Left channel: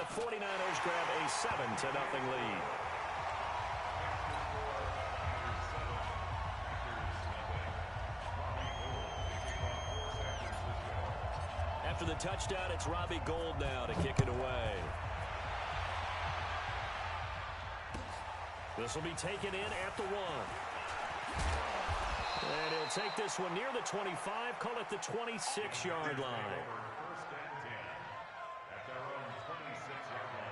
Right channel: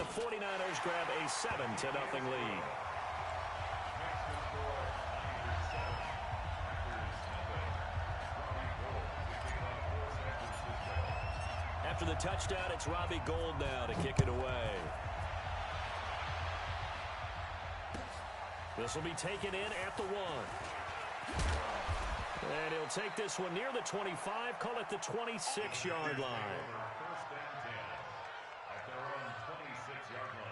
the 49ers grab a 7-0 lead. After the touchdown, it's Robbie Gould now to kick it away. This will be taken in at the 1. And he'll take this one near the 25, call it the 26-yard line. First and 10 at their own 26-yard line.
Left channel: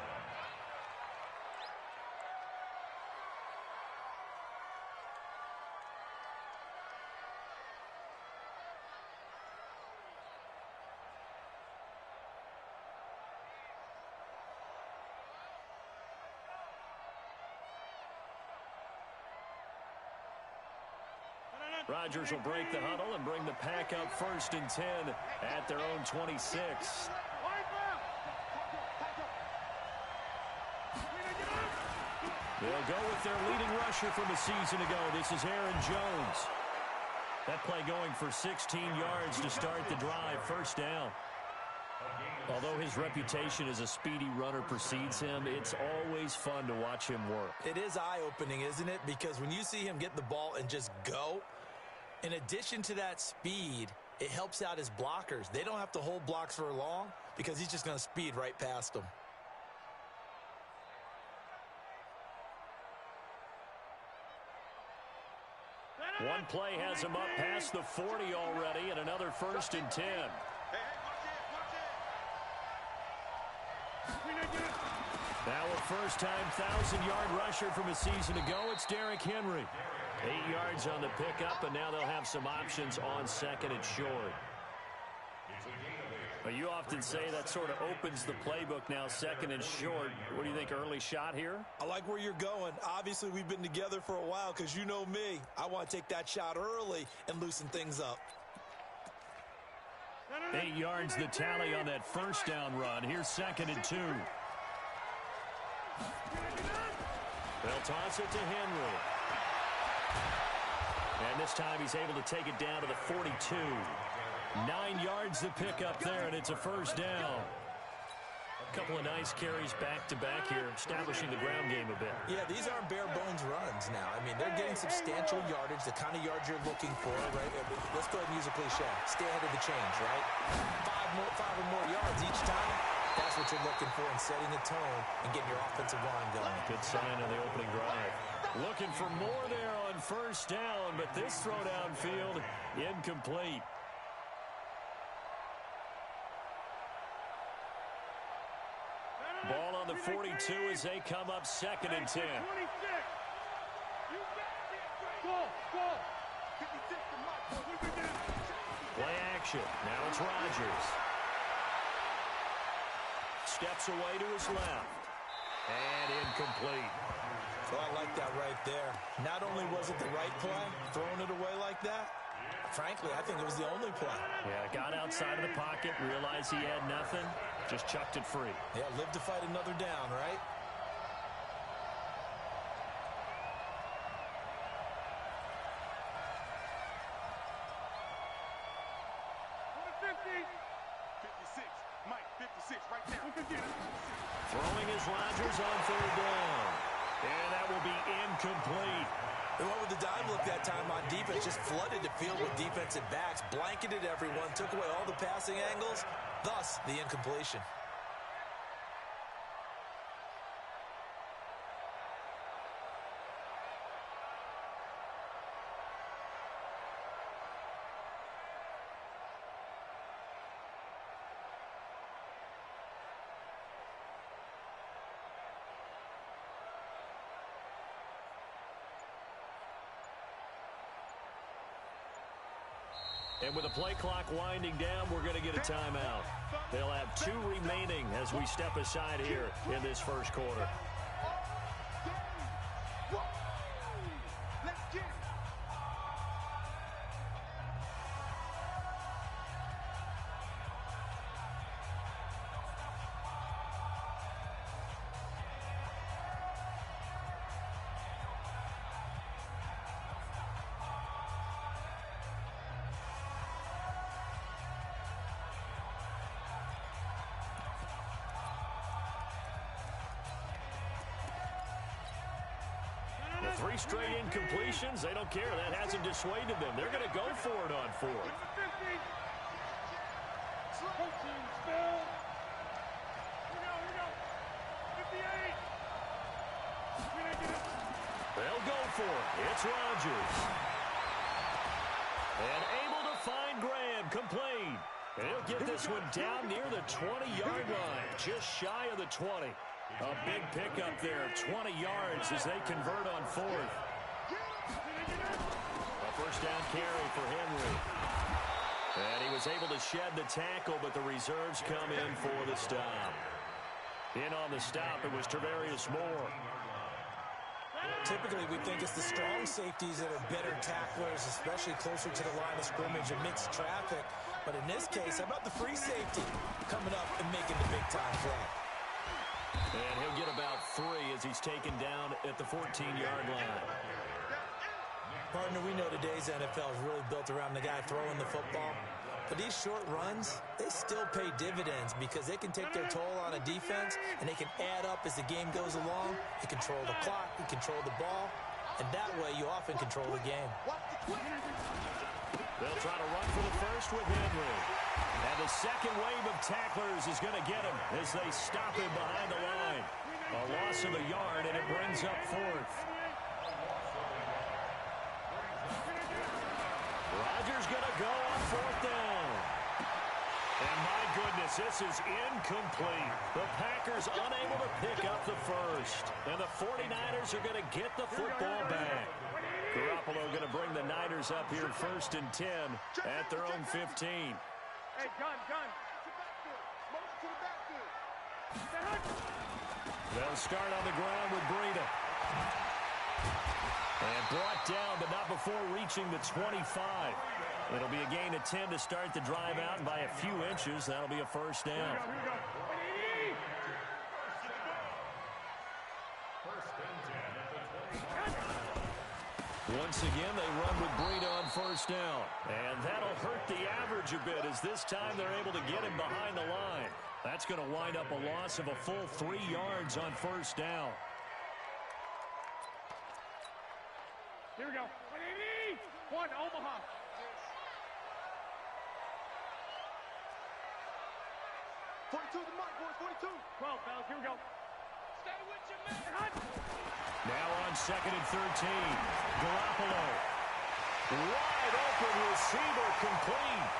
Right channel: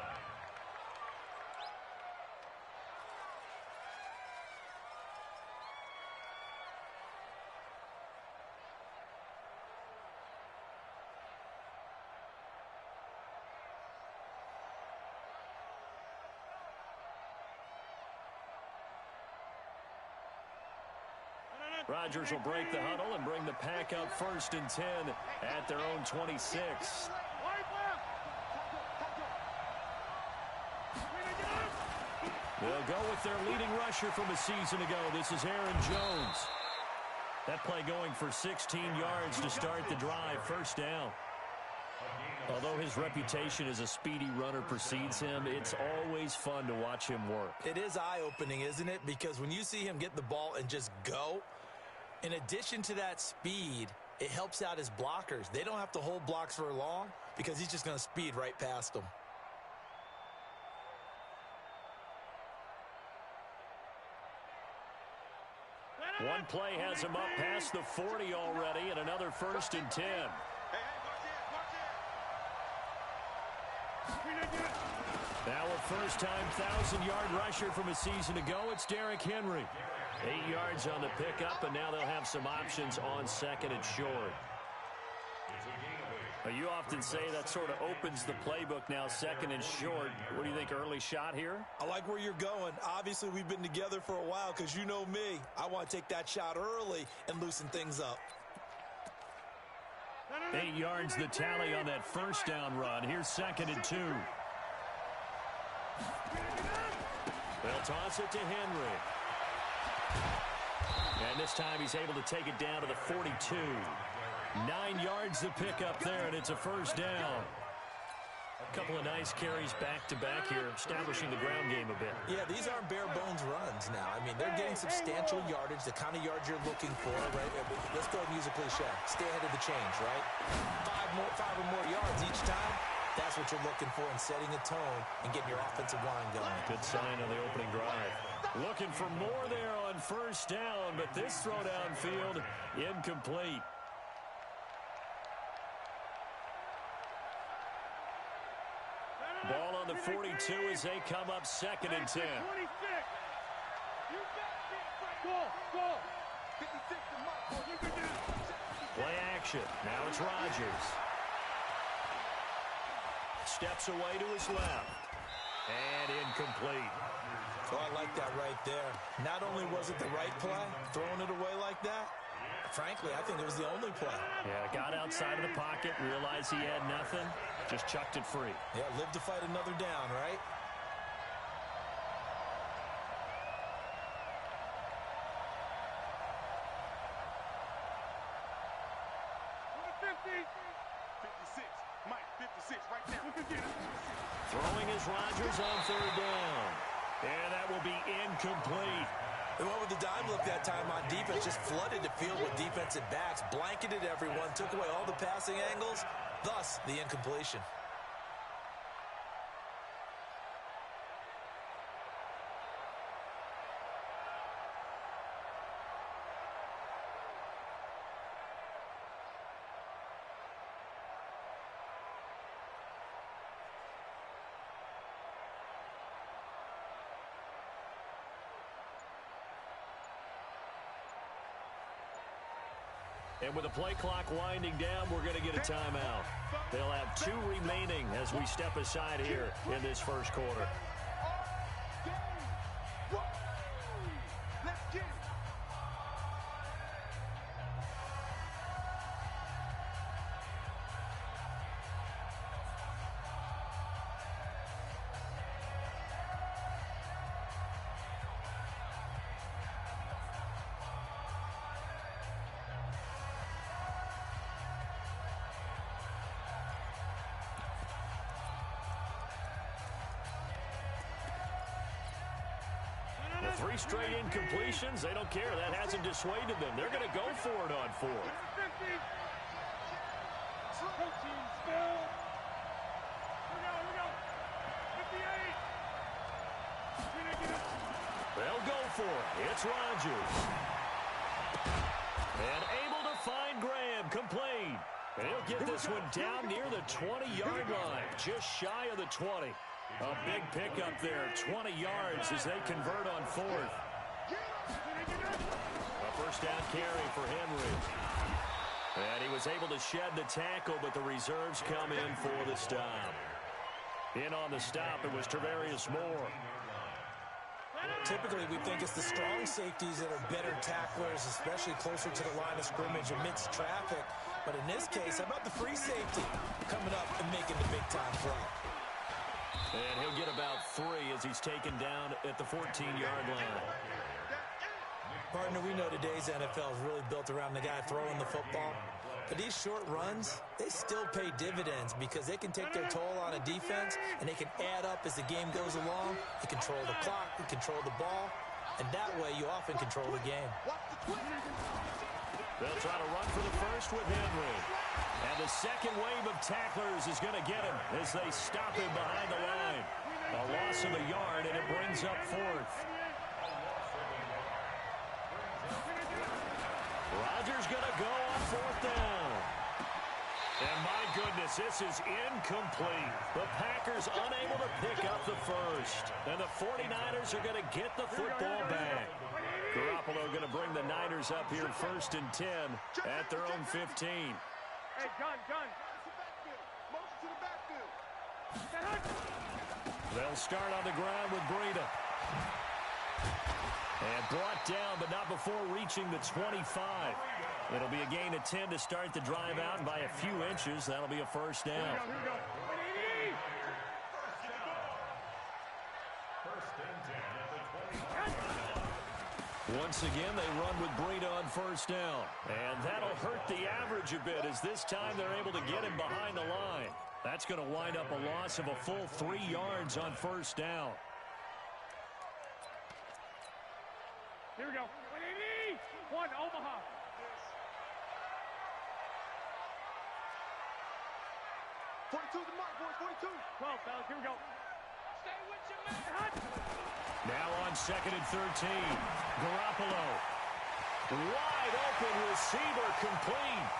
Rodgers will break the huddle and bring the pack up 1st and 10 at their own 26. They'll go with their leading rusher from a season ago. This is Aaron Jones. That play going for 16 yards to start the drive. 1st down. Although his reputation as a speedy runner precedes him, it's always fun to watch him work. It is eye-opening, isn't it? Because when you see him get the ball and just go, in addition to that speed, it helps out his blockers. They don't have to hold blocks for long because he's just going to speed right past them. One play has him up past the 40 already, and another 1st and 10. Now a first-time 1,000-yard rusher from a season ago, it's Derrick Henry. 8 yards on the pickup, and now they'll have some options on 2nd and short. You often say that sort of opens the playbook now, 2nd and short. What do you think, early shot here? I like where you're going. Obviously, we've been together for a while because you know me. I want to take that shot early and loosen things up. 8 yards the tally on that 1st down run. Here's 2nd and 2. They'll toss it to Henry. And this time he's able to take it down to the 42. 9 yards to pick up there, and it's a 1st down. A couple of nice carries back-to-back here, establishing the ground game a bit. Yeah, these aren't bare-bones runs now. I mean, they're getting substantial yardage, the kind of yards you're looking for, right? Let's go ahead and use a cliche. Stay ahead of the change, right? Five or more yards each time. That's what you're looking for in setting a tone and getting your offensive line going. Good sign on the opening drive. Looking for more there on 1st down, but this throw downfield incomplete. Ball on the 42 as they come up 2nd and 10. Play action. Now it's Rodgers. Steps away to his left. And incomplete. Oh, I like that right there. Not only was it the right play, throwing it away like that, frankly, I think it was the only play. Yeah, got outside of the pocket, realized he had nothing, just chucked it free. Yeah, live to fight another down, right? Throwing is Rodgers on 3rd down. And that will be incomplete. They went with the dime look that time on defense, just flooded the field with defensive backs, blanketed everyone, took away all the passing angles, thus the incompletion. And with the play clock winding down, we're going to get a timeout. They'll have 2 remaining as we step aside here in this 1st quarter. 3 straight incompletions. They don't care. That hasn't dissuaded them. They're going to go for it on 4th. Protein spill. Here we go. 58. They'll go for it. It's Rodgers. And able to find Graham. Complete. And he'll get this one down near the 20-yard line. Just shy of the 20. A big pickup there. 20 yards as they convert on 4th. A first down carry for Henry. And he was able to shed the tackle, but the reserves come in for the stop. In on the stop, it was Travarius Moore. Typically, we think it's the strong safeties that are better tacklers, especially closer to the line of scrimmage amidst traffic. But in this case, how about the free safety coming up and making the big-time play? And he'll get about 3 as he's taken down at the 14-yard line. Partner, we know today's NFL is really built around the guy throwing the football. But these short runs, they still pay dividends because they can take their toll on a defense, and they can add up as the game goes along. You control the clock, you control the ball, and that way you often control the game. They'll try to run for the first with Henry. And the second wave of tacklers is going to get him as they stop him behind the line. A loss of a yard, and it brings up 4th. Rodgers going to go on 4th down. And my goodness, this is incomplete. The Packers unable to pick up the first. And the 49ers are going to get the football back. Garoppolo going to bring the Niners up here 1st and 10 at their own 15. Hey, gun. Motion to the backfield. They'll start on the ground with Breida. And brought down, but not before reaching the 25. It'll be a gain of 10 to start the drive out, and by a few inches, that'll be a first down. Here we go. First and 10 at the 20. Once again, they run with Breida on first down. And that'll hurt the average a bit as this time they're able to get him behind the line. That's going to wind up a loss of a full 3 yards on first down. Here we go. 1, Omaha. '42 the mark, boys. 42. 12, fellas. Here we go. Stay with your man. Now on 2nd and 13. Garoppolo. Wide open receiver complete.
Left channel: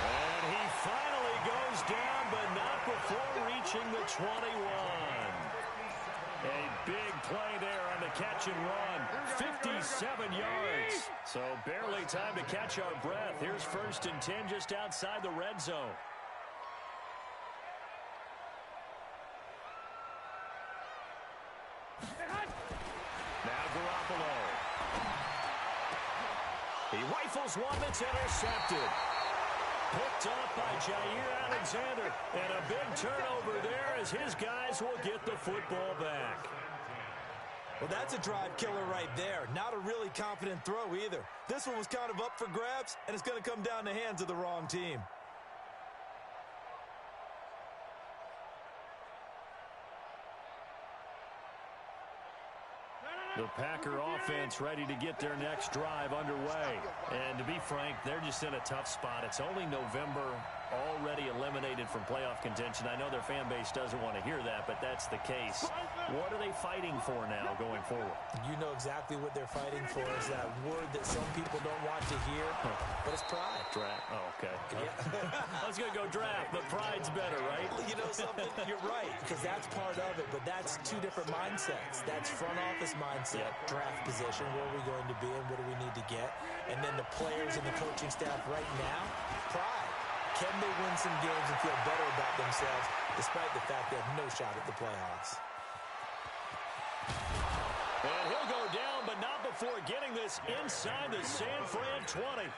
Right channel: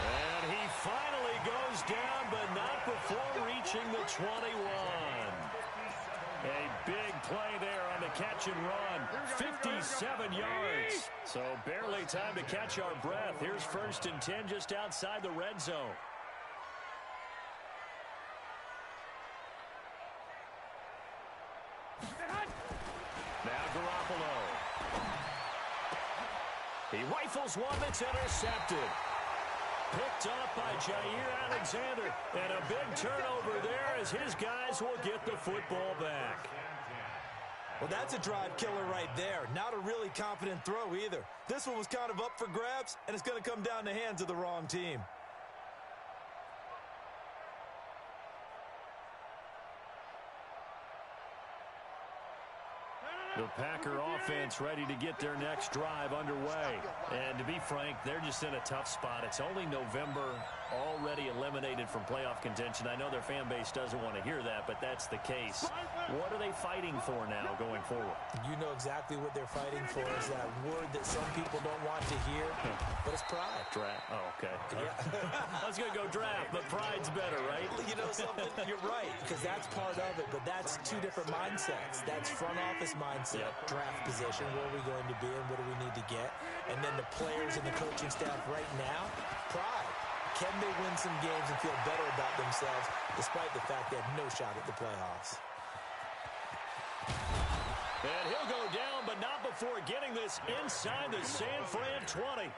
And he finally goes down, but not before reaching the 21. A big play there on the catch and run. 57 yards. So barely time to catch our breath. Here's 1st and 10 just outside the red zone. Now Garoppolo. He rifles one that's intercepted. Picked up by Jair Alexander. And a big turnover there as his guys will get the football back. Well, that's a drive killer right there. Not a really confident throw either. This one was kind of up for grabs, and it's going to come down the hands of the wrong team. The Packer offense ready to get their next drive underway. And to be frank, they're just in a tough spot. It's only November, already eliminated from playoff contention. I know their fan base doesn't want to hear that, but that's the case. What are they fighting for now going forward? You know exactly what they're fighting for is that word that some people don't want to hear, but it's pride. Draft. Oh, okay. Yeah. I was going to go draft, but pride's better, right? You know something? You're right, because that's part of it, but that's 2 different mindsets. That's front office mindset, draft position, where are we going to be and what do we need to get? And then the players and the coaching staff right now, pride. Can they win some games and feel better about themselves despite the fact they have no shot at the playoffs? And he'll go down, but not before getting this inside the San Fran 20.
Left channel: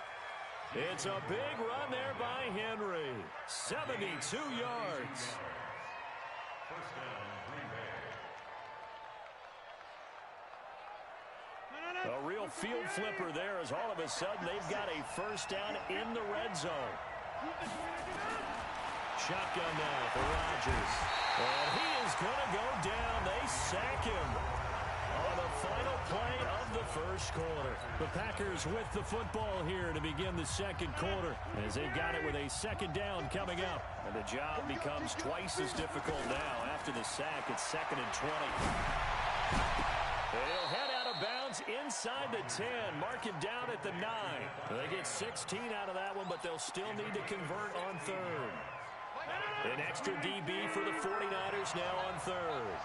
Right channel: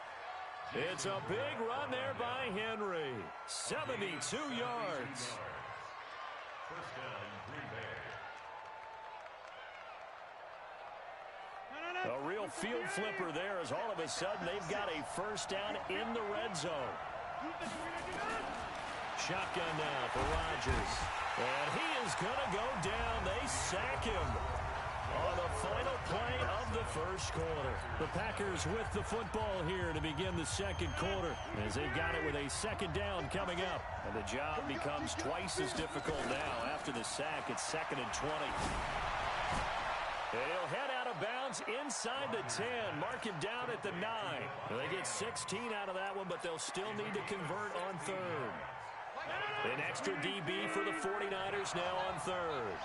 It's a big run there by Henry. 72 yards. First down, Green Bay. A real field flipper there as all of a sudden they've got a first down in the red zone. Shotgun now for Rodgers. And he is going to go down. They sack him. On the final play of the first quarter. The Packers with the football here to begin the second quarter as they've got it with a second down coming up. And the job becomes twice as difficult now. After the sack, it's 2nd and 20. And he'll head out of bounds inside the 10. Mark him down at the 9. They get 16 out of that one, but they'll still need to convert on 3rd. An extra DB for the 49ers now on 3rd.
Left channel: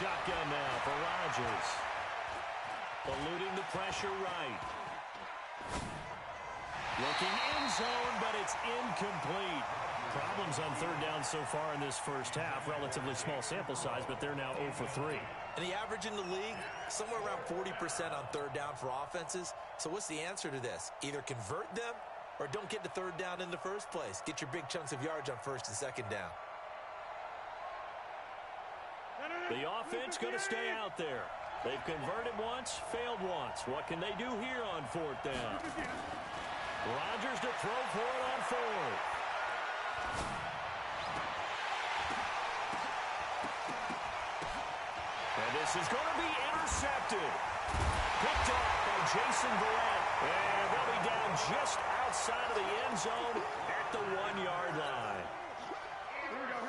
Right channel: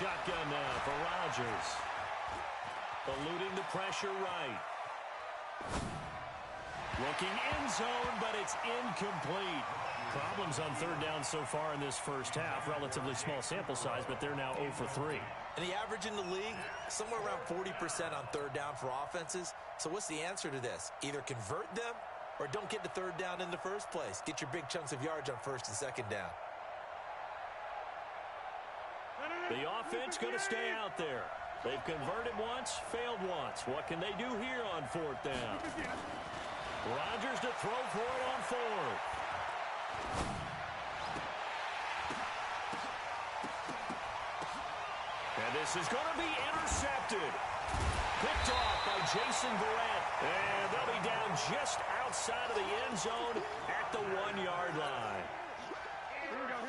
Shotgun now for Rodgers. Eluding the pressure right. Looking end zone, but it's incomplete. Problems on 3rd down so far in this first half. Relatively small sample size, but they're now 0 for 3. And the average in the league, somewhere around 40% on 3rd down for offenses. So what's the answer to this? Either convert them or don't get to 3rd down in the first place. Get your big chunks of yards on 1st and 2nd down. The offense going to stay out there. They've converted once, failed once. What can they do here on 4th down? Rodgers to throw for it on 4th. And this is going to be intercepted. Picked off by Jason Verrett. And they'll be down just outside of the end zone at the 1-yard line.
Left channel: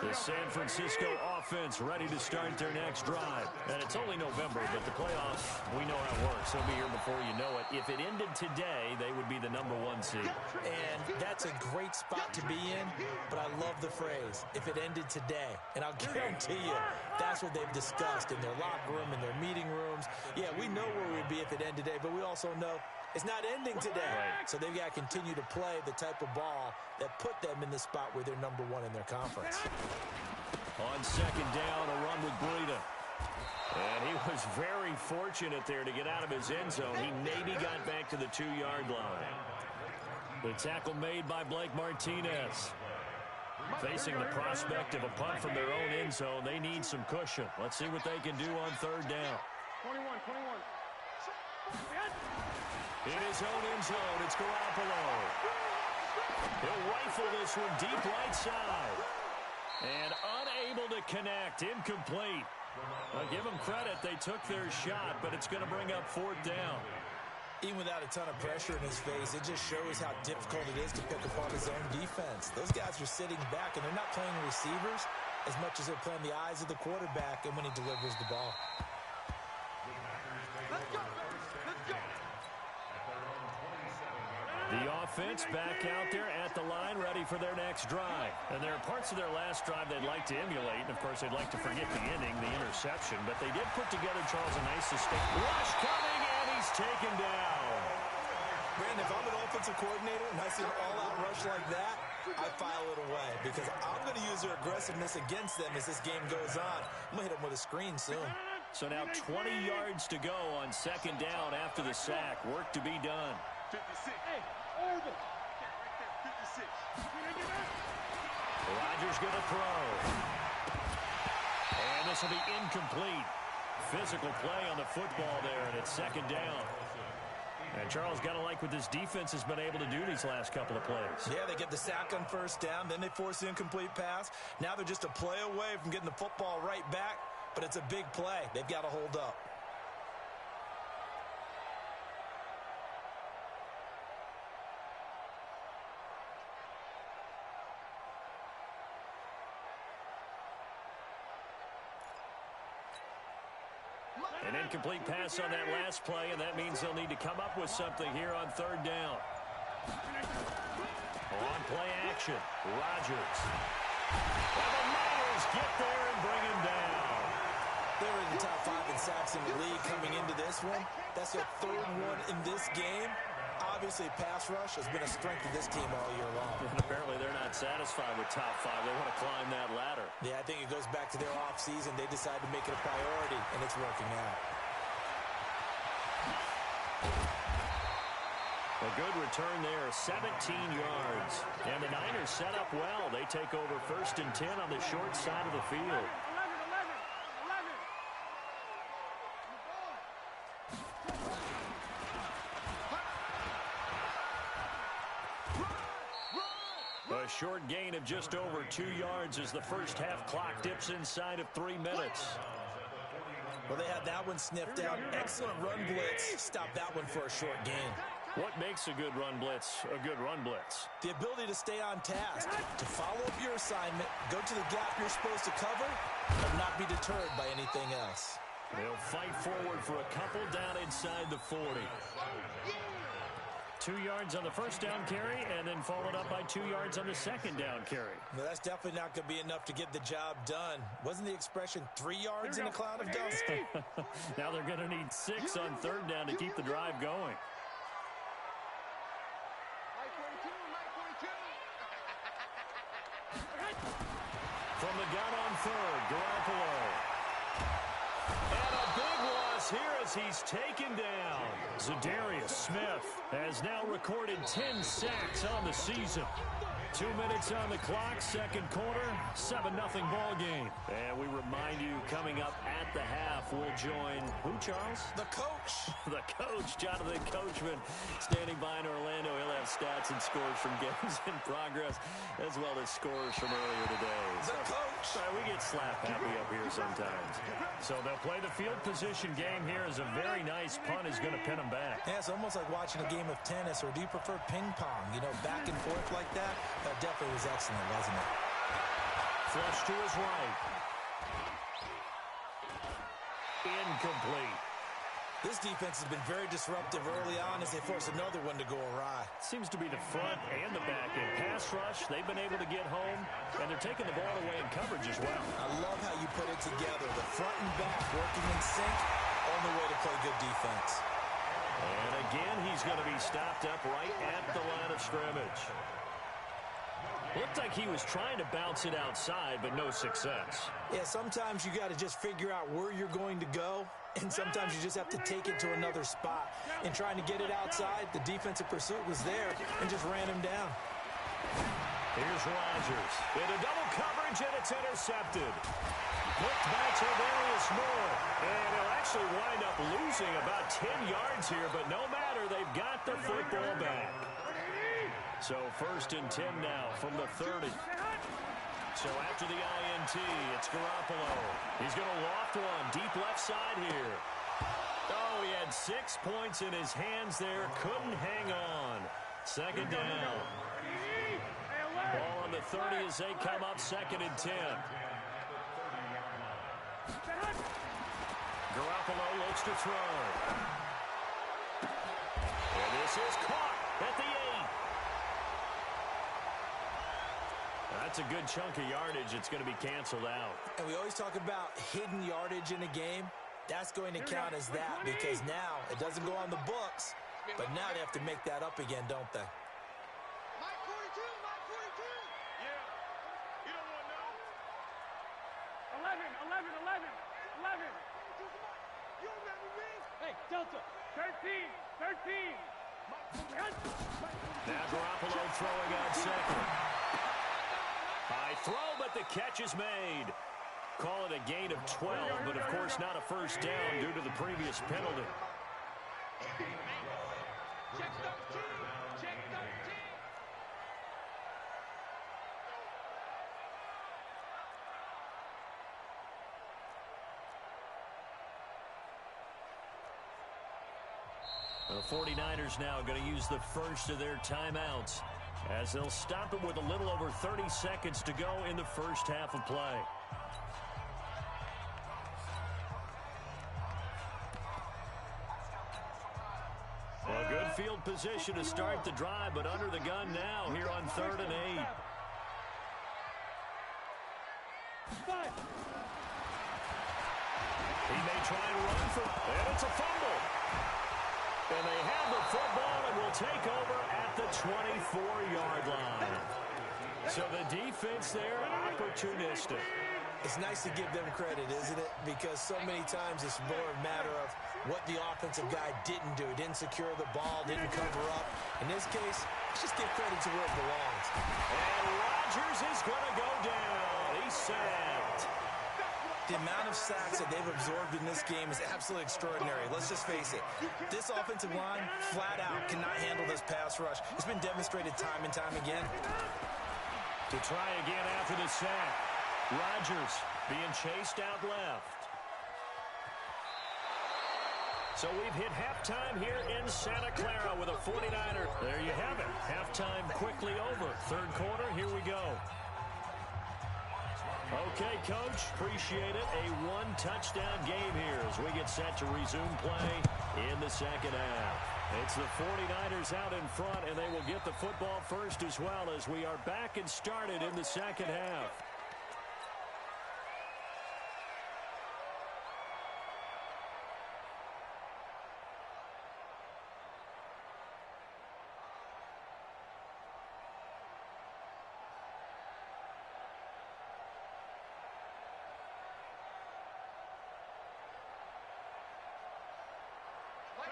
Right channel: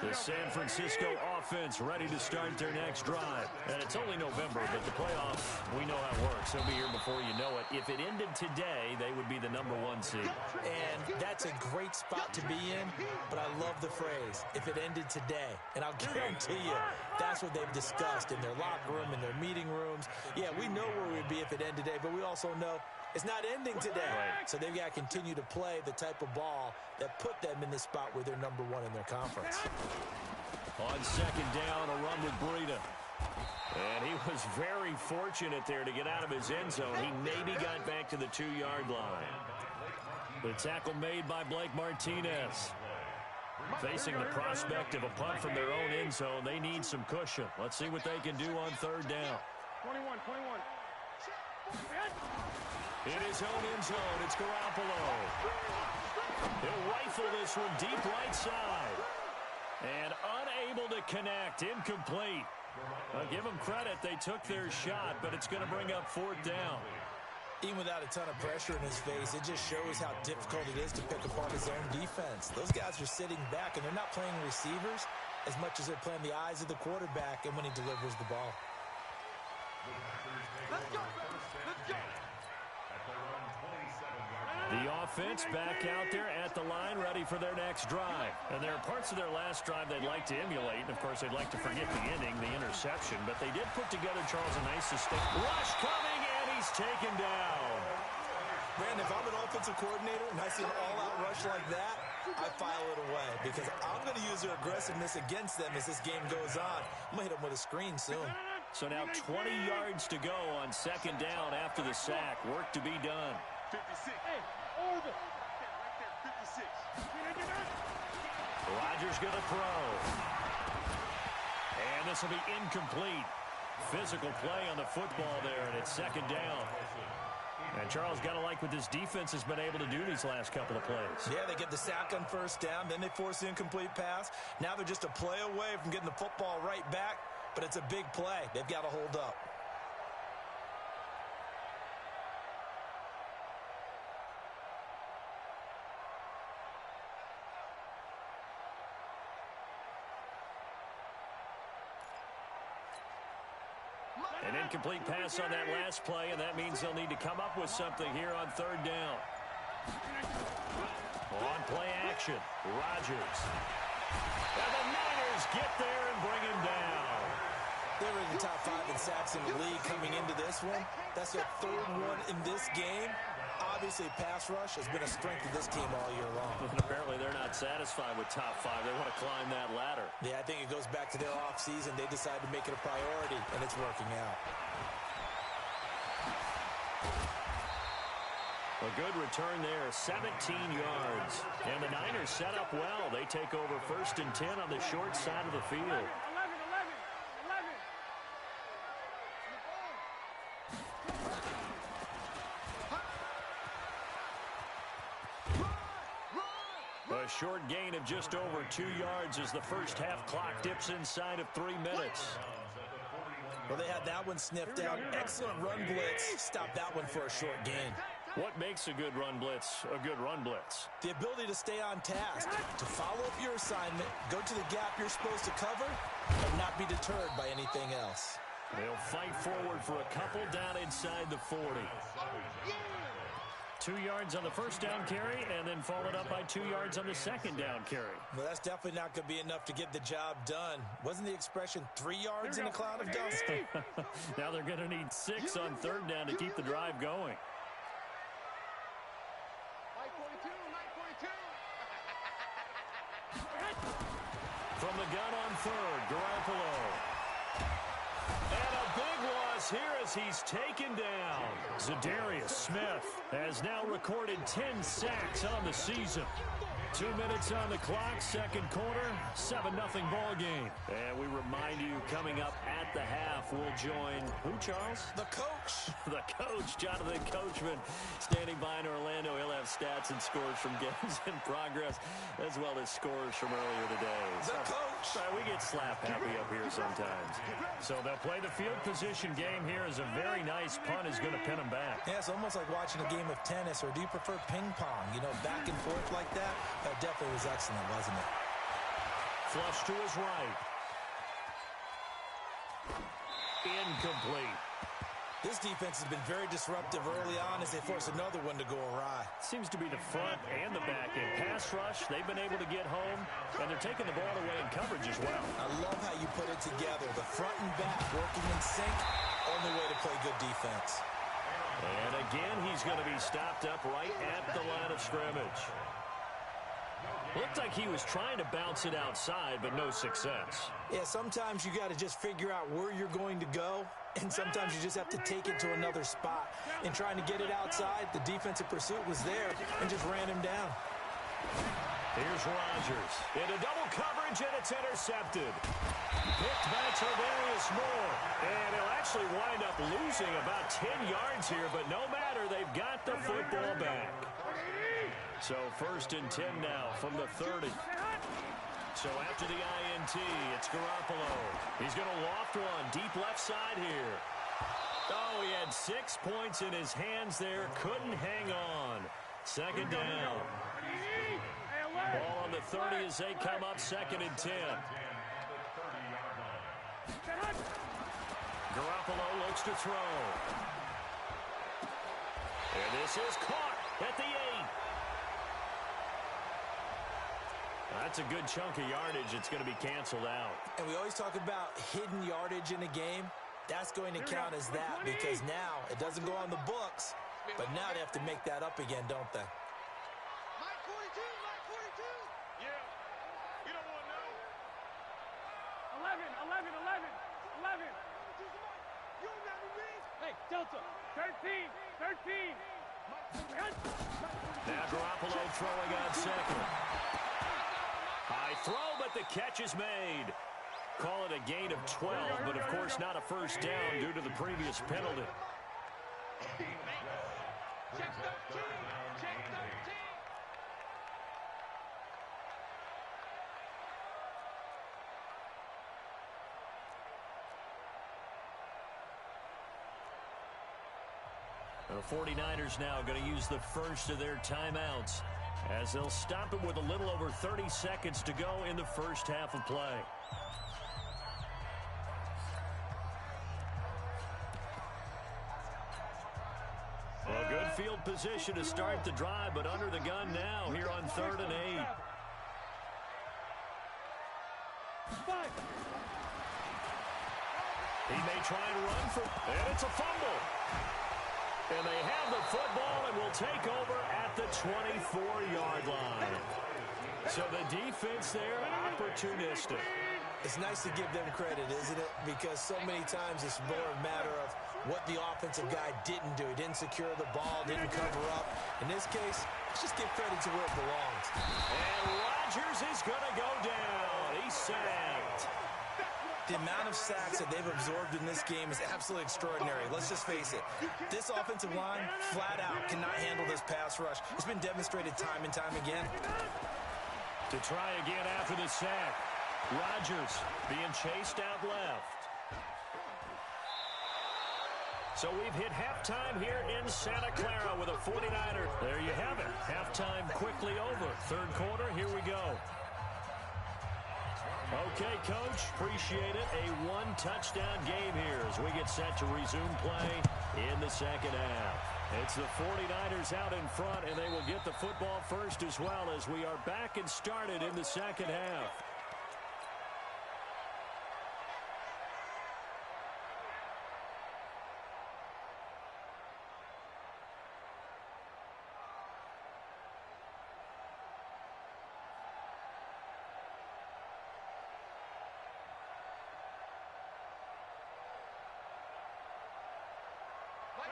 The San Francisco offense ready to start their next drive. And it's only November, but the playoffs, we know how it works. They'll be here before you know it. If it ended today, they would be the #1 seed. And that's a great spot to be in, but I love the phrase, if it ended today. And I'll guarantee you, that's what they've discussed in their locker room, in their meeting rooms. Yeah, we know where we'd be if it ended today, but we also know it's not ending today. Right. So they've got to continue to play the type of ball that put them in the spot where they're #1 in their conference. On 2nd down, a run with Breida. And he was very fortunate there to get out of his end zone. He maybe got back to the 2-yard line. The tackle made by Blake Martinez. Facing the prospect of a punt from their own end zone, they need some cushion. Let's see what they can do on 3rd down. 21. In his own end zone, it's Garoppolo. He'll rifle this one deep right side. And unable to connect, incomplete. I'll give them credit, they took their shot, but it's going to bring up 4th down. Even without a ton of pressure in his face, it just shows how difficult it is to pick apart his own defense. Those guys are sitting back, and they're not playing receivers as much as they're playing the eyes of the quarterback and when he delivers the ball. Let's go. The offense back out there at the line, ready for their next drive. And there are parts of their last drive they'd like to emulate. And, of course, they'd like to forget the ending, the interception. But they did put together, Charles, a nice sustained rush coming, and he's taken down. Brandon, if I'm an offensive coordinator and I see an all-out rush like that, I file it away because I'm going to use their aggressiveness against them as this game goes on. I'm going to hit them with a screen soon. So now 20 yards to go on 2nd down after the sack. Work to be done. 56. Hey, Orville. Right there, 56. Rodgers going to throw. And this will be incomplete. Physical play on the football there, and it's 2nd down. And Charles, got to like what this defense has been able to do these last couple of plays. Yeah, they get the sack on 1st down, then they force the incomplete pass. Now they're just a play away from getting the football right back, but it's a big play. They've got to hold up. An incomplete pass on that last play, and that means they'll need to come up with something here on 3rd down. On play action, Rodgers. And the Niners get there and bring him down. They were in the top 5 in sacks in the league coming into this one. That's their 3rd one in this game. Obviously, pass rush has been a strength of this team all year long. And apparently they're not satisfied with top 5. They want to climb that ladder. Yeah, I think it goes back to their offseason. They decided to make it a priority, and it's working out. A good return there, 17 yards. And the Niners set up well. They take over 1st and 10 on the short side of the field. 11. A A short gain of just over 2 yards as the first half clock dips inside of 3 minutes. Well, they had that one sniffed out. Excellent run blitz. Stop that one for a short gain. What makes a good run blitz a good run blitz? The ability to stay on task, to follow up your assignment, go to the gap you're supposed to cover, and not be deterred by anything else. They'll fight forward for a couple down inside the 40. 2 yards on the first down carry, and then followed up by 2 yards on the second down carry. Well, that's definitely not going to be enough to get the job done. Wasn't the expression 3 yards in a cloud of dust? Now they're going to need 6 on third down to keep the drive going. Mike 42, Mike 42. From the gun on third, Garoppolo. And a big loss here as he's taken down. Za'Darius Smith has now recorded 10 sacks on the season. 2 minutes on the clock, second quarter, 7-0 ball game. And we remind you, coming up at the half, we'll join who, Charles? The coach. The coach, Jonathan Coachman, standing by in Orlando. He'll have stats and scores from games in progress, as well as scores from earlier today. The coach. We get slap happy up here sometimes. So they'll play the field position game here as a very nice punt is going to pin them back. Yeah, it's almost like watching a game of tennis, or do you prefer ping pong? You know, back and forth like that? That definitely was excellent, wasn't it? Flush to his right. Incomplete. This defense has been very disruptive early on as they force another one to go awry. Seems to be the front and the back end. Pass rush, they've been able to get home, and they're taking the ball away in coverage as well. I love how you put it together. The front and back working in sync, only way to play good defense. And again, he's going to be stopped up right at the line of scrimmage. Looked like he was trying to bounce it outside, but no success. Yeah, sometimes you got to just figure out where you're going to go, and sometimes you just have to take it to another spot. In trying to get it outside, the defensive pursuit was there and just ran him down. Here's Rodgers into double coverage, and it's intercepted. Looked by Tarvarius Moore, and he'll actually wind up losing about 10 yards here, but no matter, they've got the football back. So 1st and 10 now from the 30. So after the INT, it's Garoppolo. He's going to loft one deep left side here. Oh, he had 6 points in his hands there. Couldn't hang on. Second down. Ball on the 30 as they come up 2nd and 10. Garoppolo looks to throw. And this is caught at the 8. That's a good chunk of yardage. It's going to be canceled out. And we always talk about hidden yardage in a game. That's going to count as that because now it doesn't go on the books, but now they have to make that up again, don't they? Mike 42, Mike 42. Yeah, you don't want to know. 11. You remember me? Hey, Delta. 13. Now Garoppolo throwing on second. High throw, but the catch is made. Call it a gain of 12, but of course not a first down due to the previous penalty. Check 13. Check 13. The 49ers now going to use the first of their timeouts as they'll stop it with a little over 30 seconds to go in the first half of play. Well, good field position to start the drive, but under the gun now here on 3rd and 8. He may try and run for, and it's a fumble. And they have the football and will take over at the 24-yard line. So the defense there, opportunistic. It's nice to give them credit, isn't it? Because so many times it's more a matter of what the offensive guy didn't do. He didn't secure the ball, didn't cover up. In this case, let's just give credit to where it belongs. And Rodgers is going to go down. He's sacked. The amount of sacks that they've absorbed in this game is absolutely extraordinary. Let's just face it. This offensive line, flat out, cannot handle this pass rush. It's been demonstrated time and time again. To try again after the sack. Rodgers being chased out left. So we've hit halftime here in Santa Clara with a 49er. There you have it. Halftime quickly over. Third quarter, here we go. Okay, Coach, appreciate it. A one-touchdown game here as we get set to resume play in the second half. It's the 49ers out in front, and they will get the football first as well as we are back and started in the second half.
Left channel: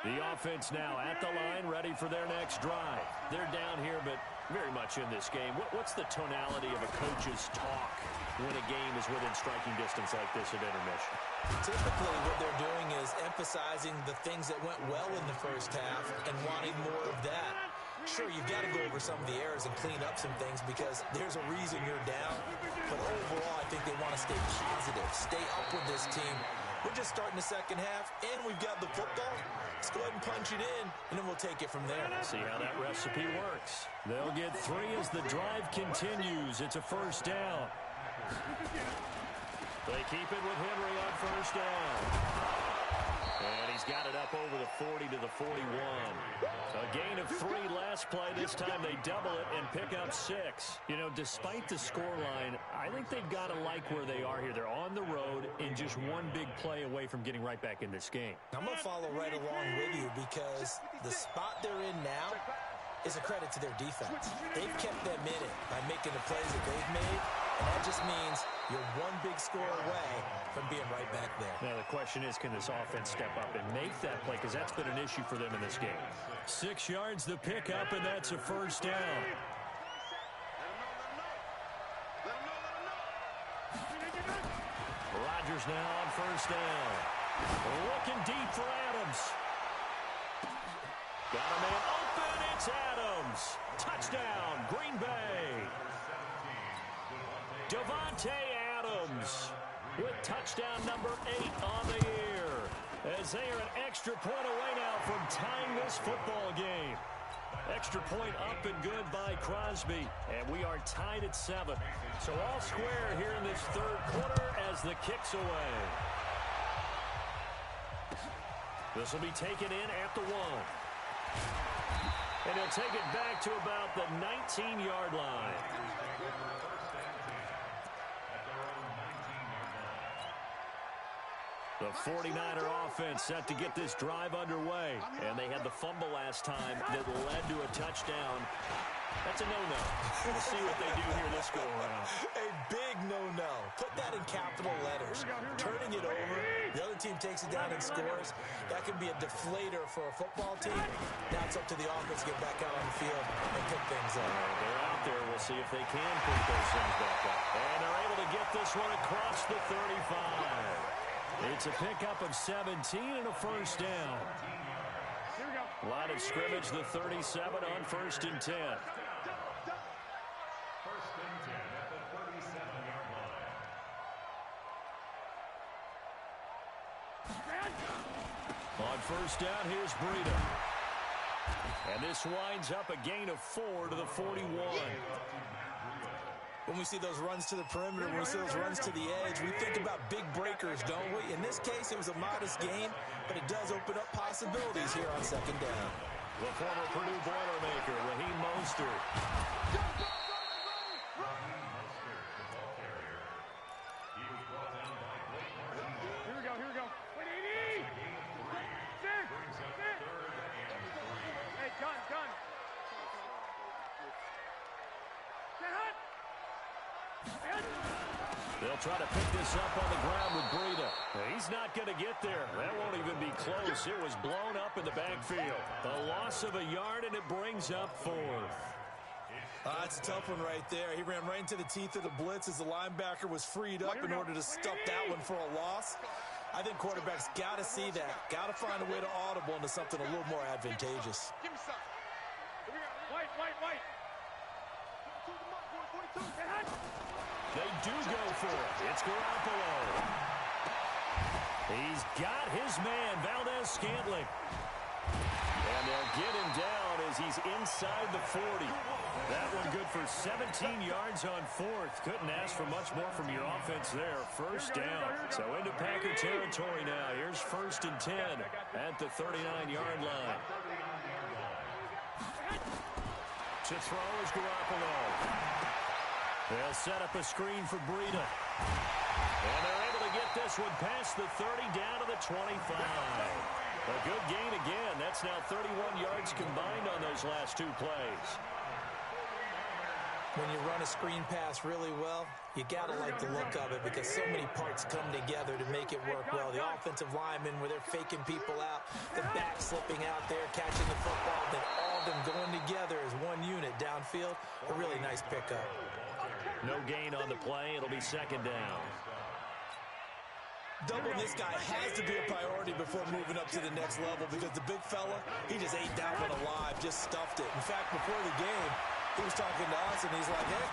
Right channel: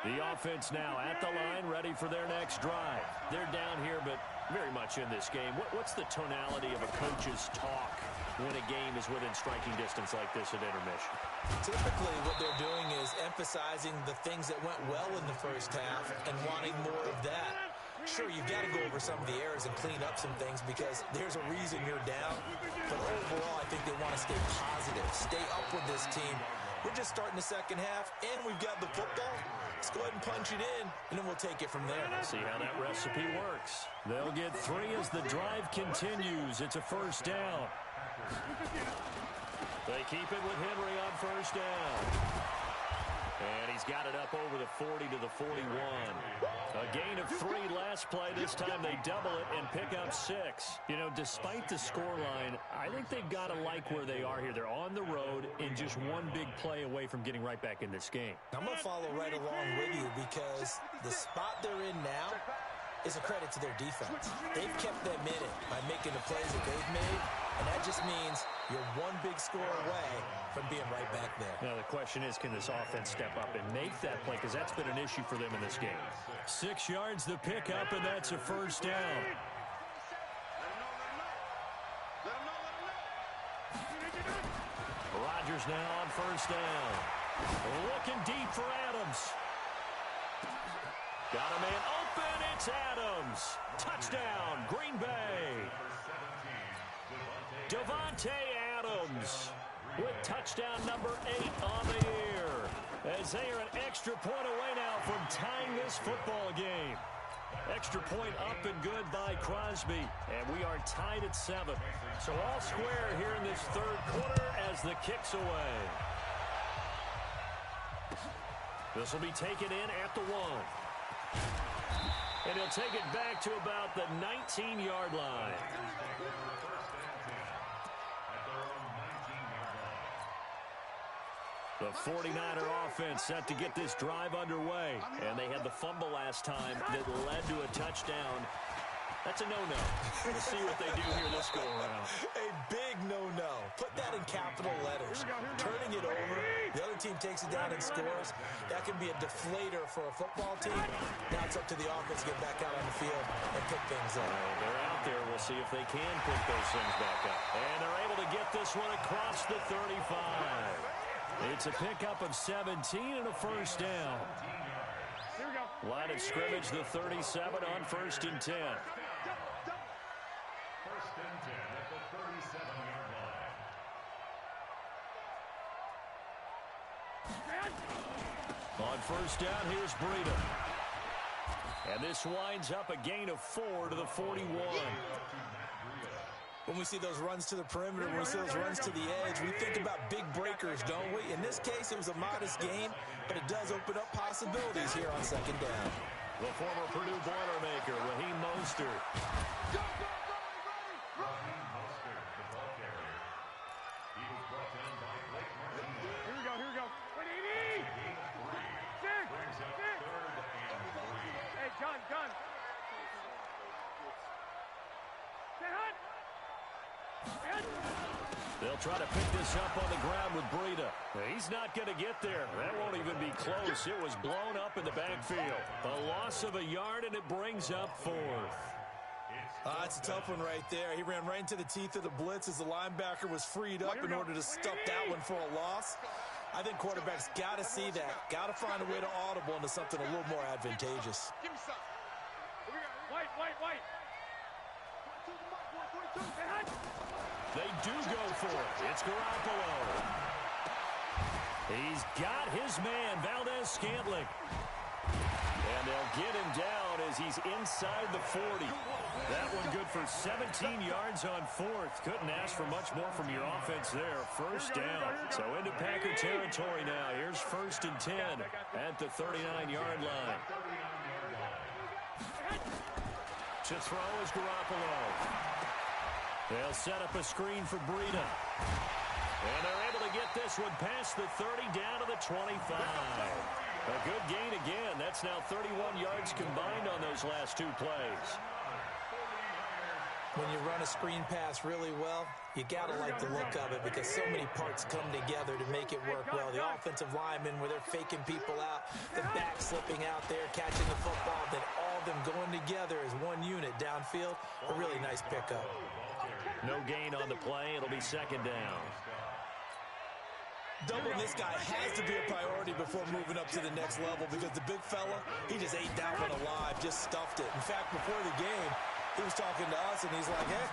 The offense now at the line, ready for their next drive. They're down here, but very much in this game. What's the tonality of a coach's talk when a game is within striking distance like this at intermission? Typically, what they're doing is emphasizing the things that went well in the first half and wanting more of that. Sure, you've got to go over some of the errors and clean up some things because there's a reason you're down. But overall, I think they want to stay positive, stay up with this team. We're just starting the second half, and we've got the football. Let's go ahead and punch it in, and then we'll take it from there. See how that recipe works. They'll get 3 as the drive continues. It's a first down. They keep it with Henry on first down. And he's got it up over the 40 to the 41. A gain of 3 last play. This time they double it and pick up 6. You know, despite the scoreline, I think they've got to like where they are here. They're on the road and just one big play away from getting right back in this game. I'm going to follow right along with you because the spot they're in now is a credit to their defense. They've kept them in it by making the plays that they've made, and that just means you're one big score away from being right back there. Now, the question is, can this offense step up and make that play? Because that's been an issue for them in this game. 6 yards the pickup, and that's a first down. Rodgers now on first down. Looking deep for Adams. Got a man open. It's Adams. Touchdown, Green Bay. Davante Adams with touchdown number 8 on the year. As they are an extra point away now from tying this football game. Extra point up and good by Crosby. And we are tied at 7. So all square here in this third quarter as the kick's away. This will be taken in at the 1. And he'll take it back to about the 19-yard line. The 49er offense set to get this drive underway. And they had the fumble last time that led to a touchdown. That's a no-no. We'll see what they do here this go-around. A big no-no. Put that in capital letters. Turning it over, the other team takes it down and scores. That can be a deflator for a football team. Now it's up to the offense to get back out on the field and pick things up. They're out there. We'll see if they can pick those things back up. And they're able to get this one across the 35. It's a pickup of 17 and a first down. Here we go. Line of scrimmage, the 37 on 1st and 10. 1st and 10 at the 37-yard line. On first down, here's Breida. And this winds up a gain of 4 to the 41. When we see those runs to the perimeter, when we see those runs to the edge, we think about big breakers, don't we? In this case, it was a modest gain, but it does open up possibilities here on second down. The former Purdue Boilermaker, Raheem Mostert. Raheem Mostert, the ball carrier. He was brought down by Blake Martinez. Here we go. Here we go. Wait, 80. Gain of 3. Six. Brings up Six. 3rd and 3. Hey, gun. Get hot. They'll try to pick this up on the ground with Breida. He's not going to get there. That won't even be close. It was blown up in the backfield. A loss of a yard, and it brings up 4th. That's a tough one right there. He ran right into the teeth of the blitz as the linebacker was freed up in order to stuff that one for a loss. I think quarterbacks got to see that. Got to find a way to audible into something a little more advantageous. Give me some. Here we go. White. They do go for it. It's Garoppolo. He's got his man, Valdez-Scantling. And they'll get him down as he's inside the 40. That one good for 17 yards on fourth. Couldn't ask for much more from your offense there. First down. So into Packer territory now. Here's 1st and 10 at the 39-yard line. To throw is Garoppolo. They'll set up a screen for Breida. And they're able to get this one past the 30 down to the 25. A good gain again. That's now 31 yards combined on those last 2 plays. When you run a screen pass really well, you got to like the look of it because so many parts come together to make it work well. The offensive linemen, where they're faking people out, the back slipping out there, catching the football, then all of them going together as one unit downfield. A really nice pickup. No gain on the play. It'll be 2nd down. Doubling this guy has to be a priority before moving up to the next level because the big fella, he just ate that one alive, just stuffed it. In fact, before the game, he was talking to us, and he's like, hey,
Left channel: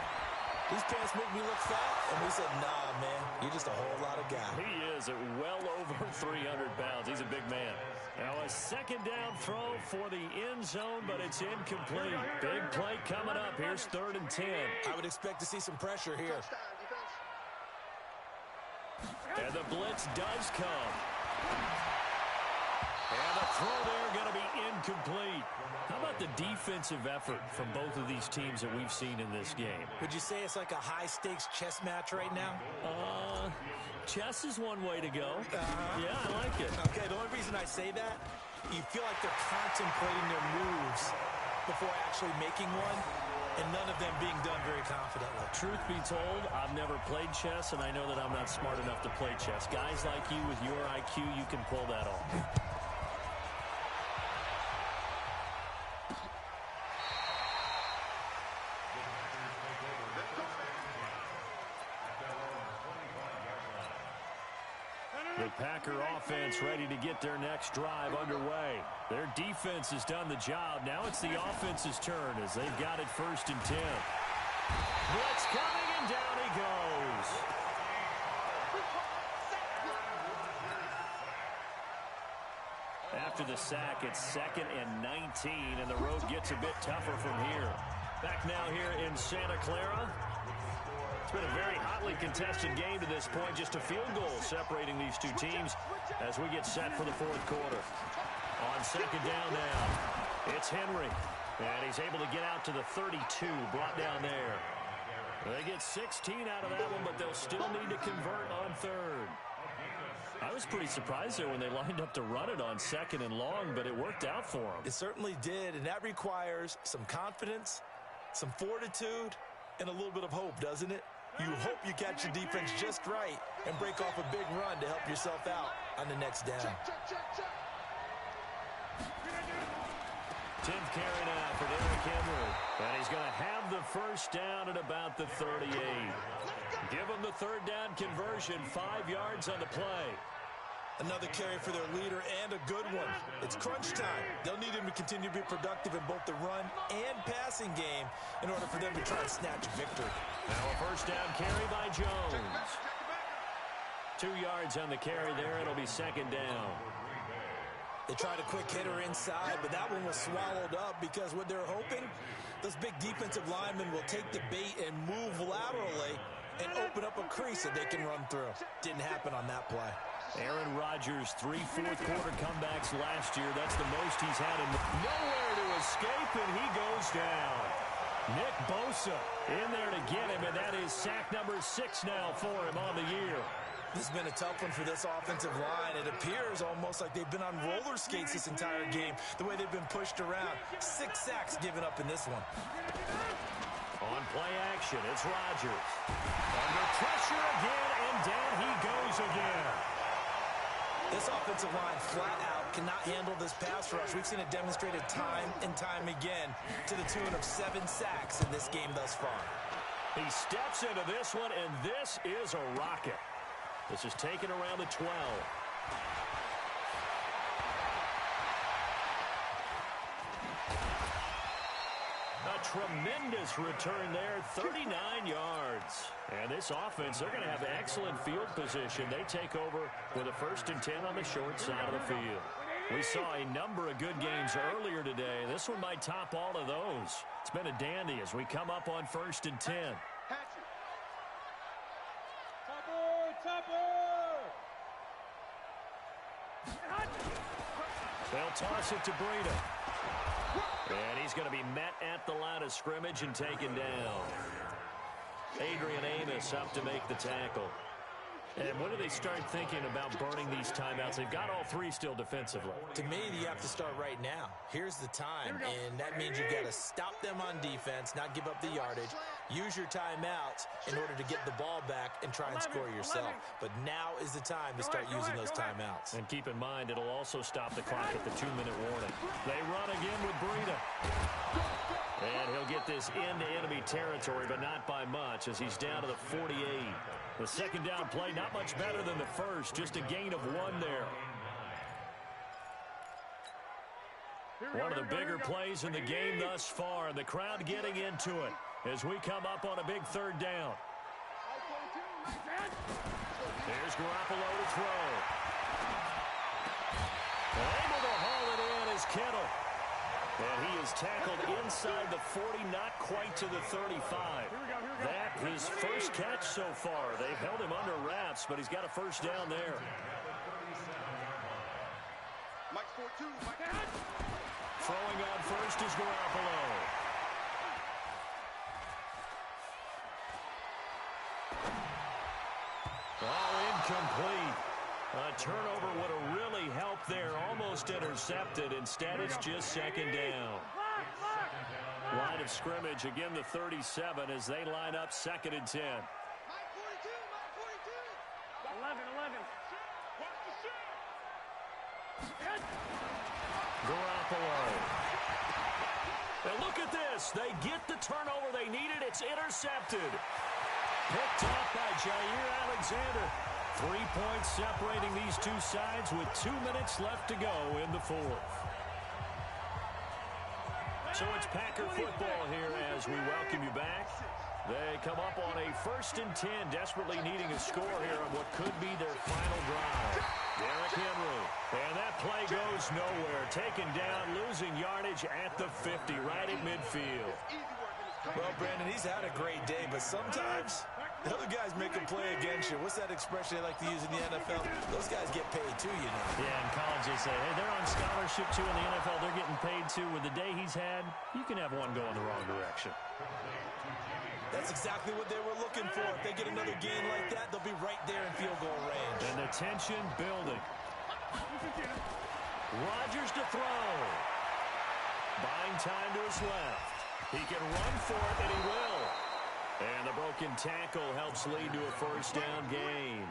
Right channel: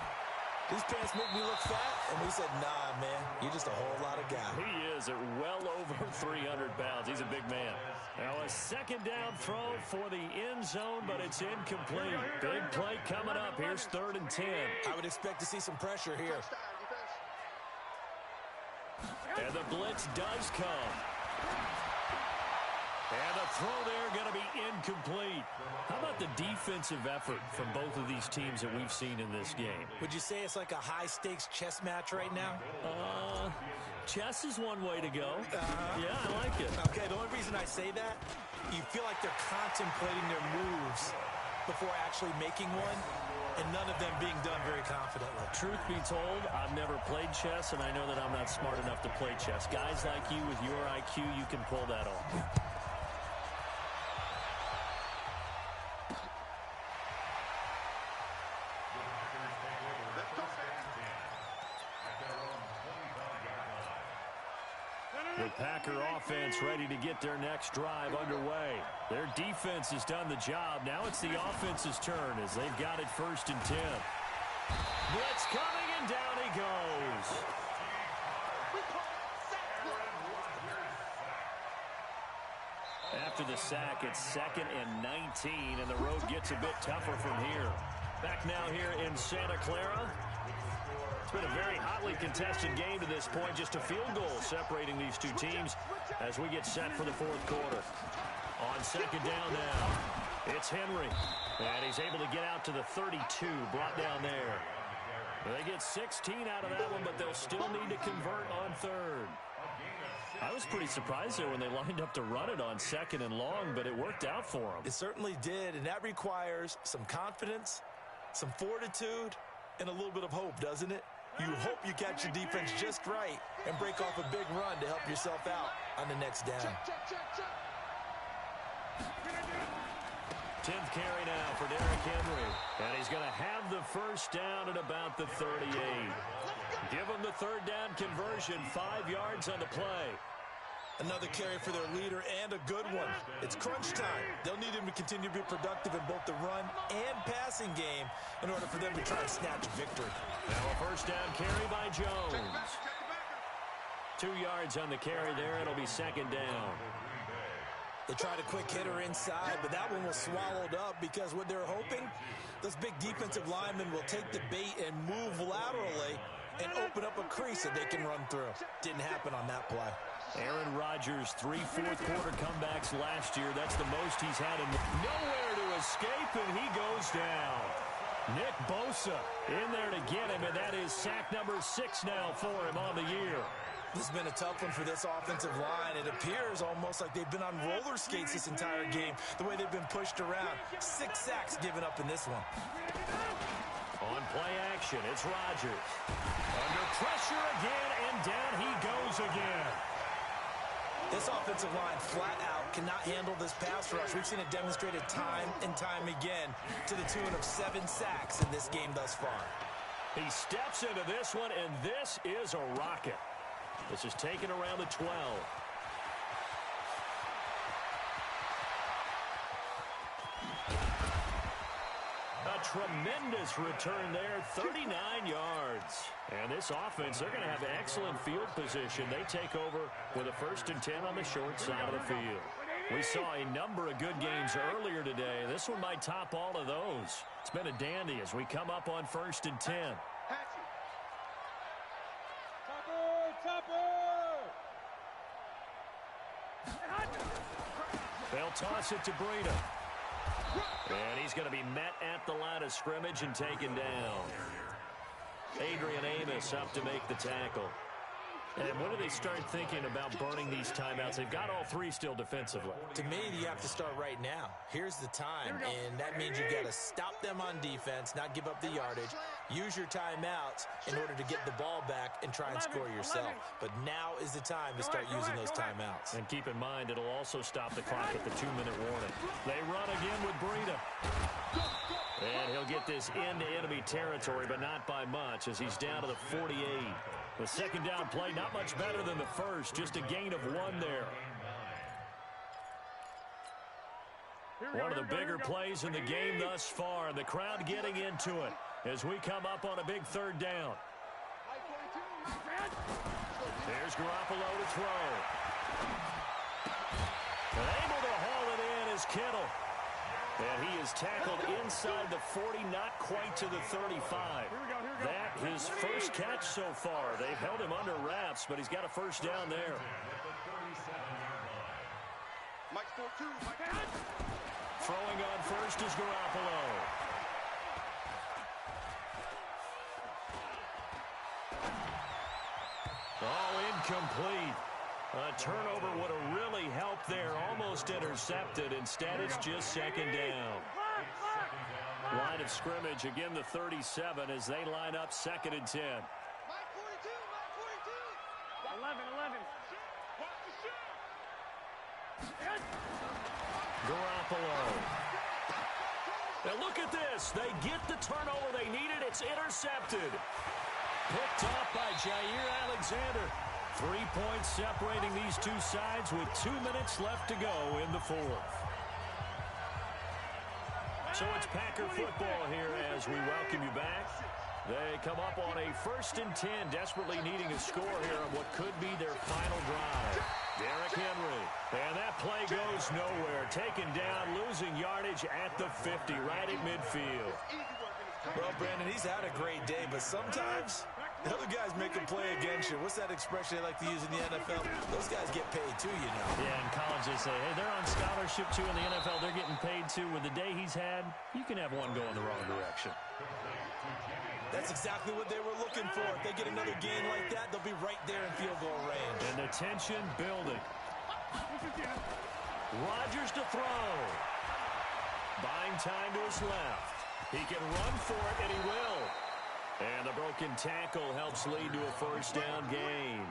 these pants make me look fat. And we said, nah, man, you're just a whole lot of guy. He is at well over 300 pounds. He's a big man. Now a 2nd down throw for the end zone, but it's incomplete. Big play coming up. Here's 3rd and 10. I would expect to see some pressure here. And the blitz does come. And the throw there going to be incomplete. How about the defensive effort from both of these teams that we've seen in this game? Would you say it's like a high-stakes chess match right now? Chess is one way to go. Yeah, I like it. Okay, the only reason I say that, you feel like they're contemplating their moves before actually making one, and none of them being done very confidently. Truth be told, I've never played chess, and I know that I'm not smart enough to play chess. Guys like you with your IQ, you can pull that off. The Packer offense ready to get their next drive underway. Their defense has done the job. Now it's the offense's turn as they've got it 1st and 10. Blitz coming, and down he goes. After the sack, it's 2nd and 19, and the road gets a bit tougher from here. Back now here in Santa Clara. It's been a very hotly contested game to this point. Just a field goal separating these two teams as we get set for the 4th quarter. On 2nd down now, it's Henry. And he's able to get out to the 32, brought down there. They get 16 out of that one, but they'll still need to convert on 3rd. I was pretty surprised there when they lined up to run it on 2nd and long, but it worked out for them. It certainly did, and that requires some confidence, some fortitude, and a little bit of hope, doesn't it? You hope you catch your defense just right and break off a big run to help yourself out on the next down. 10th carry now for Derrick Henry. And he's going to have the 1st down at about the 38. Give him the 3rd down conversion, 5 yards on the play. Another carry for their leader, and a good one. It's crunch time. They'll need him to continue to be productive in both the run and passing game in order for them to try and snatch a victory. Now a 1st down carry by Jones. 2 yards on the carry there. It'll be 2nd down. They tried a quick hitter inside, but that one was swallowed up because what they're hoping, those big defensive linemen will take the bait and move laterally and open up a crease that they can run through. Didn't happen on that play. Aaron Rodgers, 3 fourth-quarter comebacks last year. That's the most he's had. Nowhere to escape, and he goes down. Nick Bosa in there to get him, and that is sack number 6 now for him on the year. This has been a tough one for this offensive line. It appears almost like they've been on roller skates this entire game, the way they've been pushed around. 6 sacks given up in this one. On play action, it's Rodgers. Under pressure again, and down he goes again. This offensive line flat out cannot handle this pass rush. We've seen it demonstrated time and time again to the tune of 7 sacks in this game thus far. He steps into this one, and this is a rocket. This is taken around the 12. A tremendous return there, 39 yards. And this offense, they're going to have excellent field position. They take over with a 1st and 10 on the short side of the field. We saw a number of good games earlier today. This one might top all of those. It's been a dandy as we come up on 1st and 10. They'll toss it to Breida. And he's going to be met at the line of scrimmage and taken down. Adrian Amos up to make the tackle. And when do they start thinking about burning these timeouts? They've got all 3 still defensively. To me, you have to start right now. Here's the time, and that means you've got to stop them on defense, not give up the yardage, use your timeouts in order to get the ball back and try and score yourself. But now is the time to start using those timeouts. And keep in mind, it'll also stop the clock at the 2-minute warning. They run again with Breida. And he'll get this into enemy territory, but not by much, as he's down to the 48. The second down play, not much better than the first, just a gain of 1 there. One of the bigger plays in the game thus far, and the crowd getting into it as we come up on a big 3rd down. There's Garoppolo to throw. And able to haul it in is Kittle. And he is tackled inside the 40, not quite to the 35. That his first catch so far. They've held him under wraps, but he's got a 1st down there. Throwing on first is Garoppolo. Oh, incomplete. A turnover would have really helped there. Almost intercepted. Instead, it's just 2nd down. Line of scrimmage, again the 37 as they line up 2nd and 10. 11. Garoppolo. Now look at this. They get the turnover they needed. It's intercepted. Picked off by Jair Alexander. 3 points separating these two sides with 2 minutes left to go in the 4th. So it's Packer football here as we welcome you back. They come up on a 1st and 10, desperately needing a score here on what could be their final drive. Derrick Henry. And that play goes nowhere. Taken down, losing yardage at the 50, right at midfield. Well, Brandon, he's had a great day, but sometimes the other guys make a play against you. What's that expression they like to use in the NFL? Those guys get paid too, you know. Yeah, in college they say, hey, they're on scholarship too. In the NFL, they're getting paid too. With the day he's had, you can have one go in the wrong direction. That's exactly what they were looking for. If they get another gain like that, they'll be right there in field goal range. And the tension building. Rodgers to throw. Buying time to his left. He can run for it, and he will. And the broken tackle helps lead to a 1st down gain.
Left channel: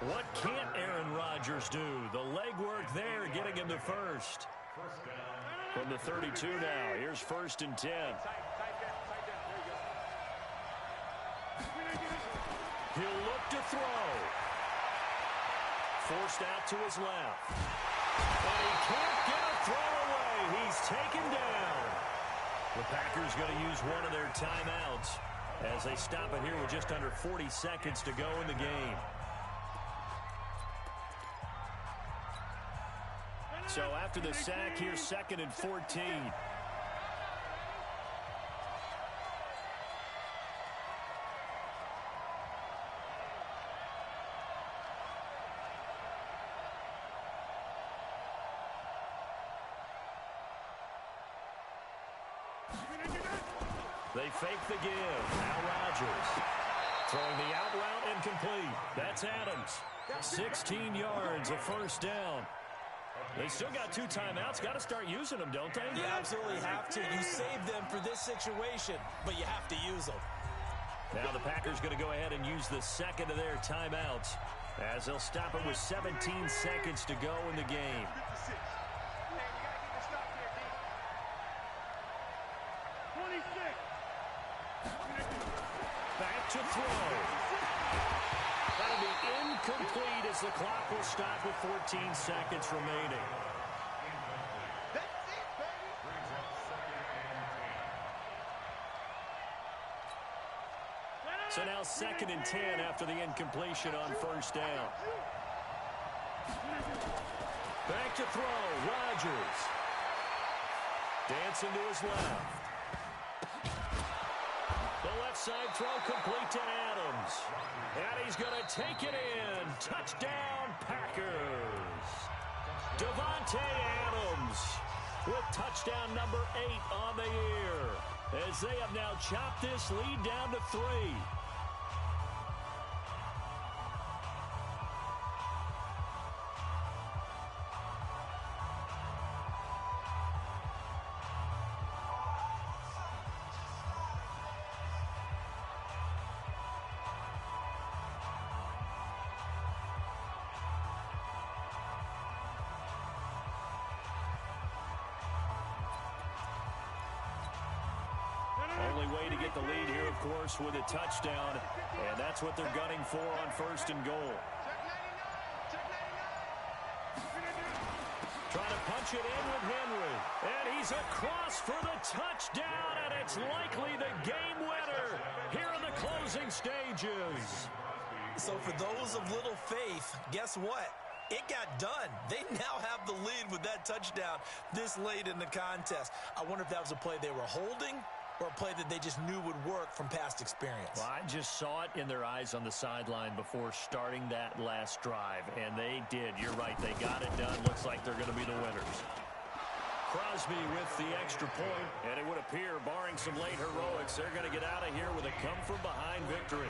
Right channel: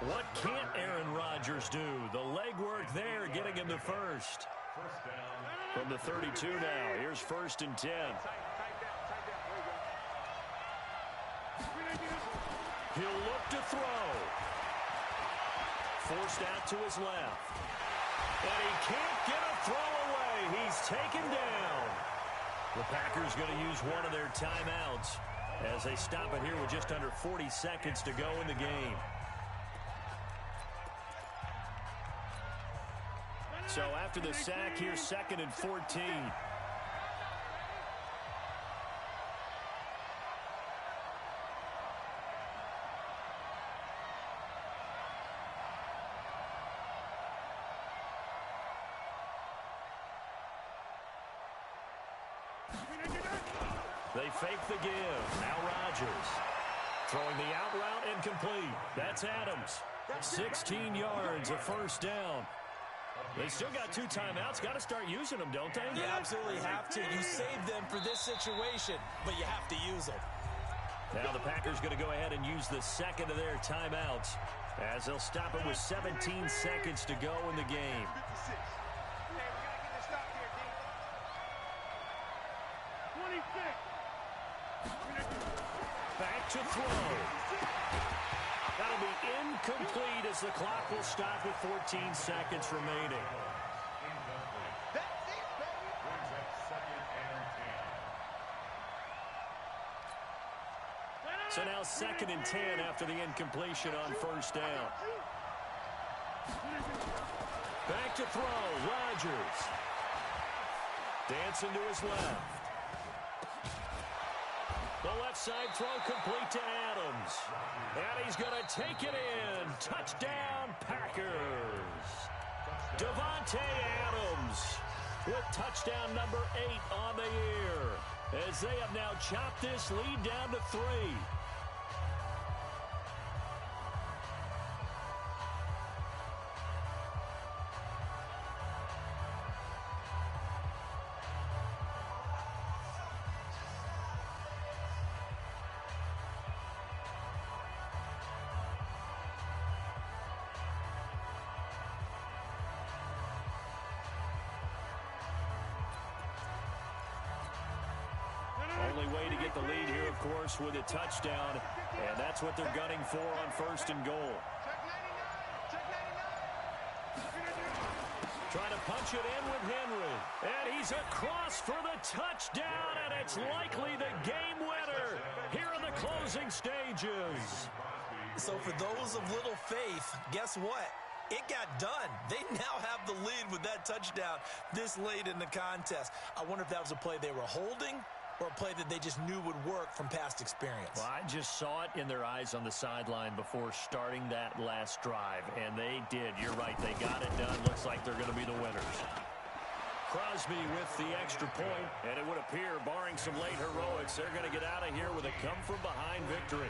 What can't Aaron Rodgers do? The legwork there getting him the 1st. From the 32 now, here's 1st and 10. He'll look to throw. Forced out to his left. But he can't get a throw away. He's taken down. The Packers going to use one of their timeouts as they stop it here with just under 40 seconds to go in the game. So after the sack, here's 2nd and 14. They fake the give. Now Rodgers. Throwing the out route incomplete. That's Adams. 16 yards, a 1st down. They still got 2 timeouts. Got to start using them, don't they? You absolutely have to. You save them for this situation, but you have to use them. Now the Packers going to go ahead and use the 2nd of their timeouts as they'll stop it with 17 seconds to go in the game. Back to throw. That'll be incomplete as the clock will stop with 14 seconds remaining. So now 2nd and 10 after the incompletion on first down. Back to throw, Rodgers. Dancing to his left. The left side throw complete to Adams. And he's going to take it in. Touchdown, Packers. Davante Adams with touchdown number 8 on the year, as they have now chopped this lead down to 3. Only way to get the lead here, of course, with a touchdown, and that's what they're gunning for on 1st and goal. Trying to punch it in with Henry, and he's across for the touchdown, and it's likely the game winner here in the closing stages. So for those of little faith, guess what? It got done. They now have the lead with that touchdown this late in the contest. I wonder if that was a play they were holding or a play that they just knew would work from past experience. Well, I just saw it in their eyes on the sideline before starting that last drive, and they did. You're right. They got it done. Looks like they're going to be the winners. Crosby with the extra point, and it would appear, barring some late heroics, they're going to get out of here with a come-from-behind victory.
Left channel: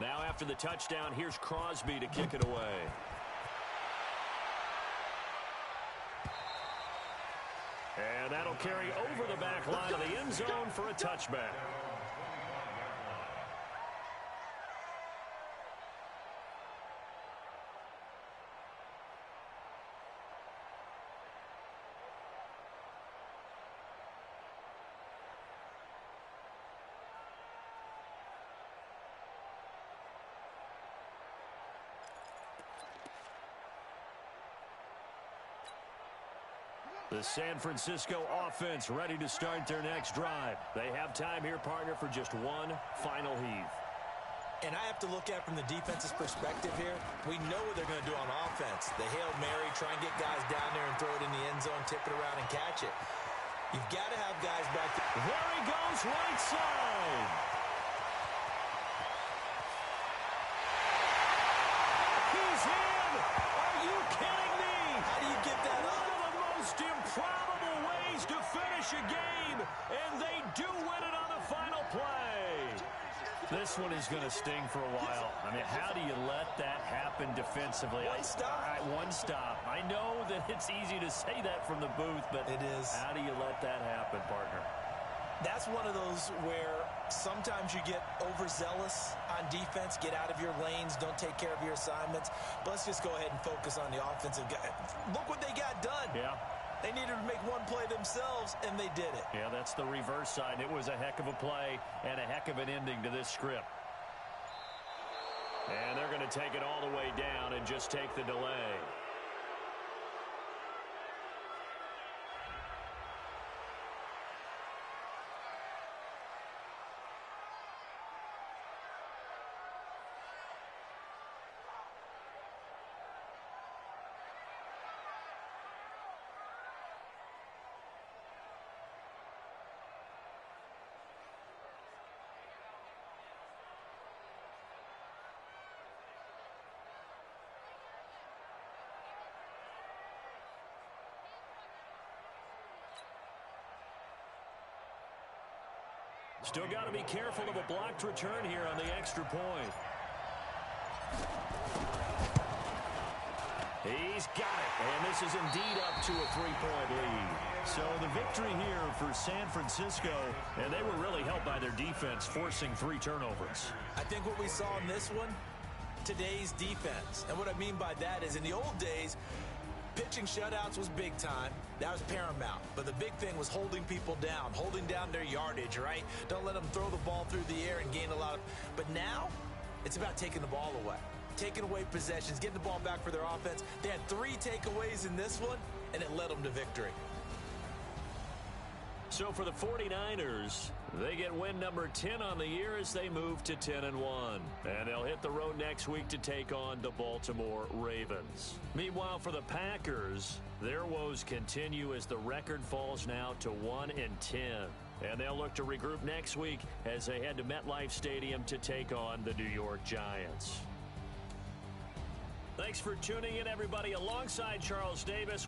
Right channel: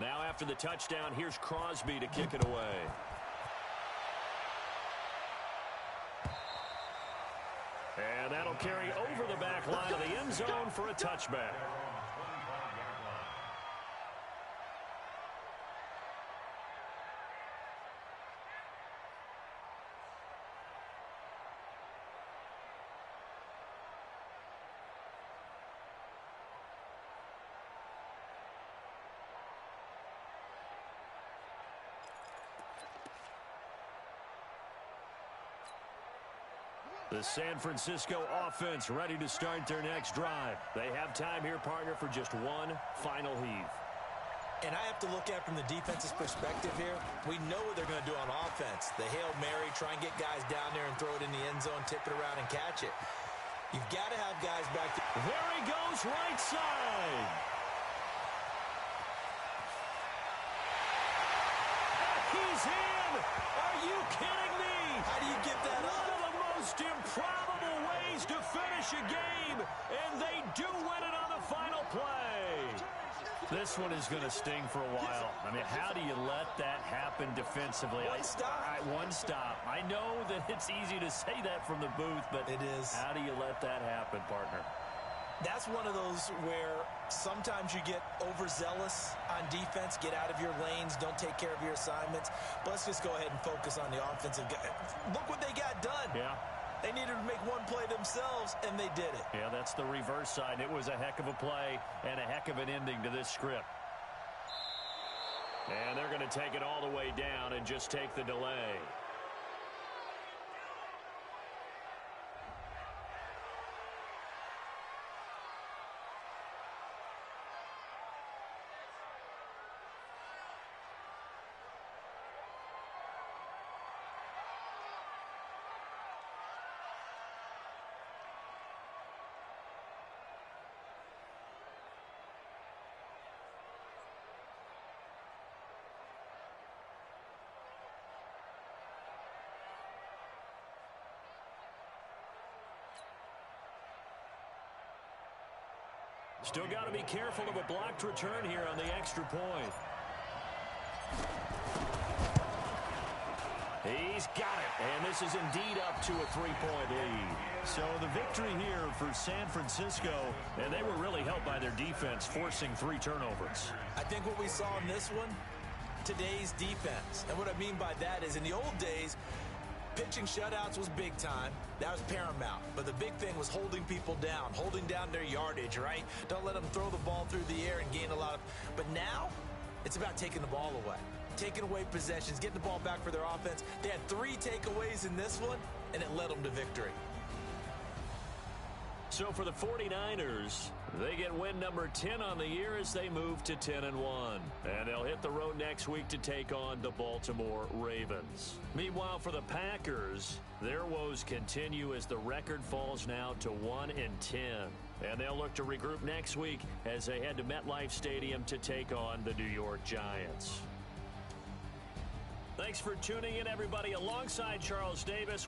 Now after the touchdown, here's Crosby to kick it away. And that'll carry over the back line of the end zone for a touchback. The San Francisco offense ready to start their next drive. They have time here, partner, for just one final heave. And I have to look at from the defense's perspective here. We know what they're going to do on offense. The Hail Mary, try and get guys down there and throw it in the end zone, tip it around and catch it. You've got to have guys back there. There he goes, right side. He's in. Are you kidding me? How do you get that up? Most improbable ways to finish a game, and they do win it on the final play. This one is going to sting for a while. I mean, how do you let that happen defensively? One stop. One stop. I know that it's easy to say that from the booth, but it is. How do you let that happen, partner? That's one of those where sometimes you get overzealous on defense, get out of your lanes, don't take care of your assignments. But let's just go ahead and focus on the offensive guy. Look what they got done. Yeah. They needed to make one play themselves, and they did it. Yeah, that's the reverse side. It was a heck of a play and a heck of an ending to this script. And they're going to take it all the way down and just take the delay. Still got to be careful of a blocked return here on the extra point. He's He's got it. And this is indeed up to a 3-point lead. So the victory here for San Francisco, and they were really helped by their defense, forcing 3 turnovers. I think what we saw in this one, today's defense. And what I mean by that is in the old days, pitching shutouts was big time. That was paramount. But the big thing was holding people down, holding down their yardage, right? Don't let them throw the ball through the air and gain a lot of... But now, it's about taking the ball away. Taking away possessions, getting the ball back for their offense. They had 3 takeaways in this one, and it led them to victory. So for the 49ers, they get win number 10 on the year as they move to 10-1. And they'll hit the road next week to take on the Baltimore Ravens. Meanwhile, for the Packers, their woes continue as the record falls now to 1-10. And they'll look to regroup next week as they head to MetLife Stadium to take on the New York Giants. Thanks for tuning in, everybody. Alongside Charles Davis.